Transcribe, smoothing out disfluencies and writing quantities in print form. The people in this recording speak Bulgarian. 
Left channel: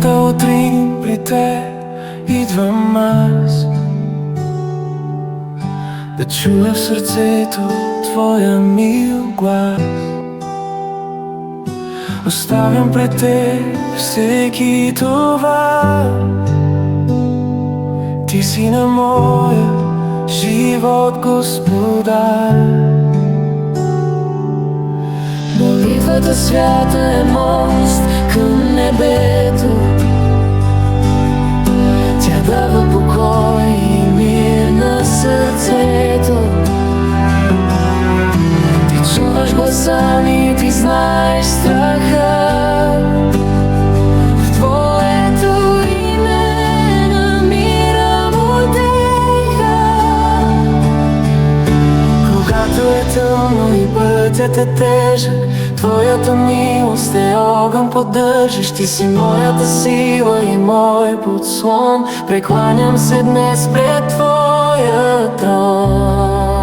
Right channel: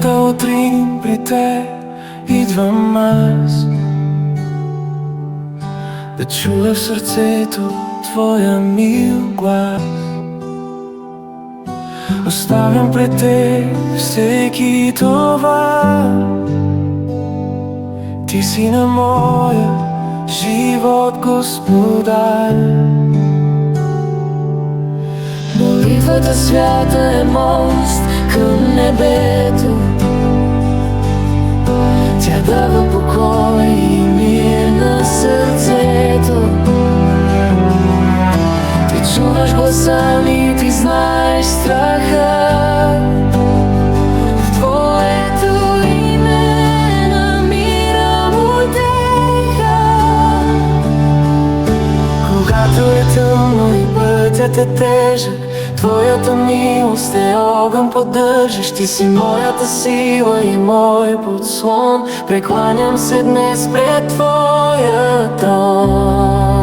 Всяка утрин при те идвам аз, да чуя в сърцето твоя мил глас. Оставям пред те всеки товар. Ти си на моя живот господар. Молитвата свята е мост към небето. Тя дава покой и мир на сърцето. Ти чуваш гласа ми, ти знаеш страха. В твоето име намирам утеха. Когато е тъмно и пътят е тежък, твоята милост е огън поддържащ. Ти си моята сила и мой подслон. Прекланям се днес пред твоя трон.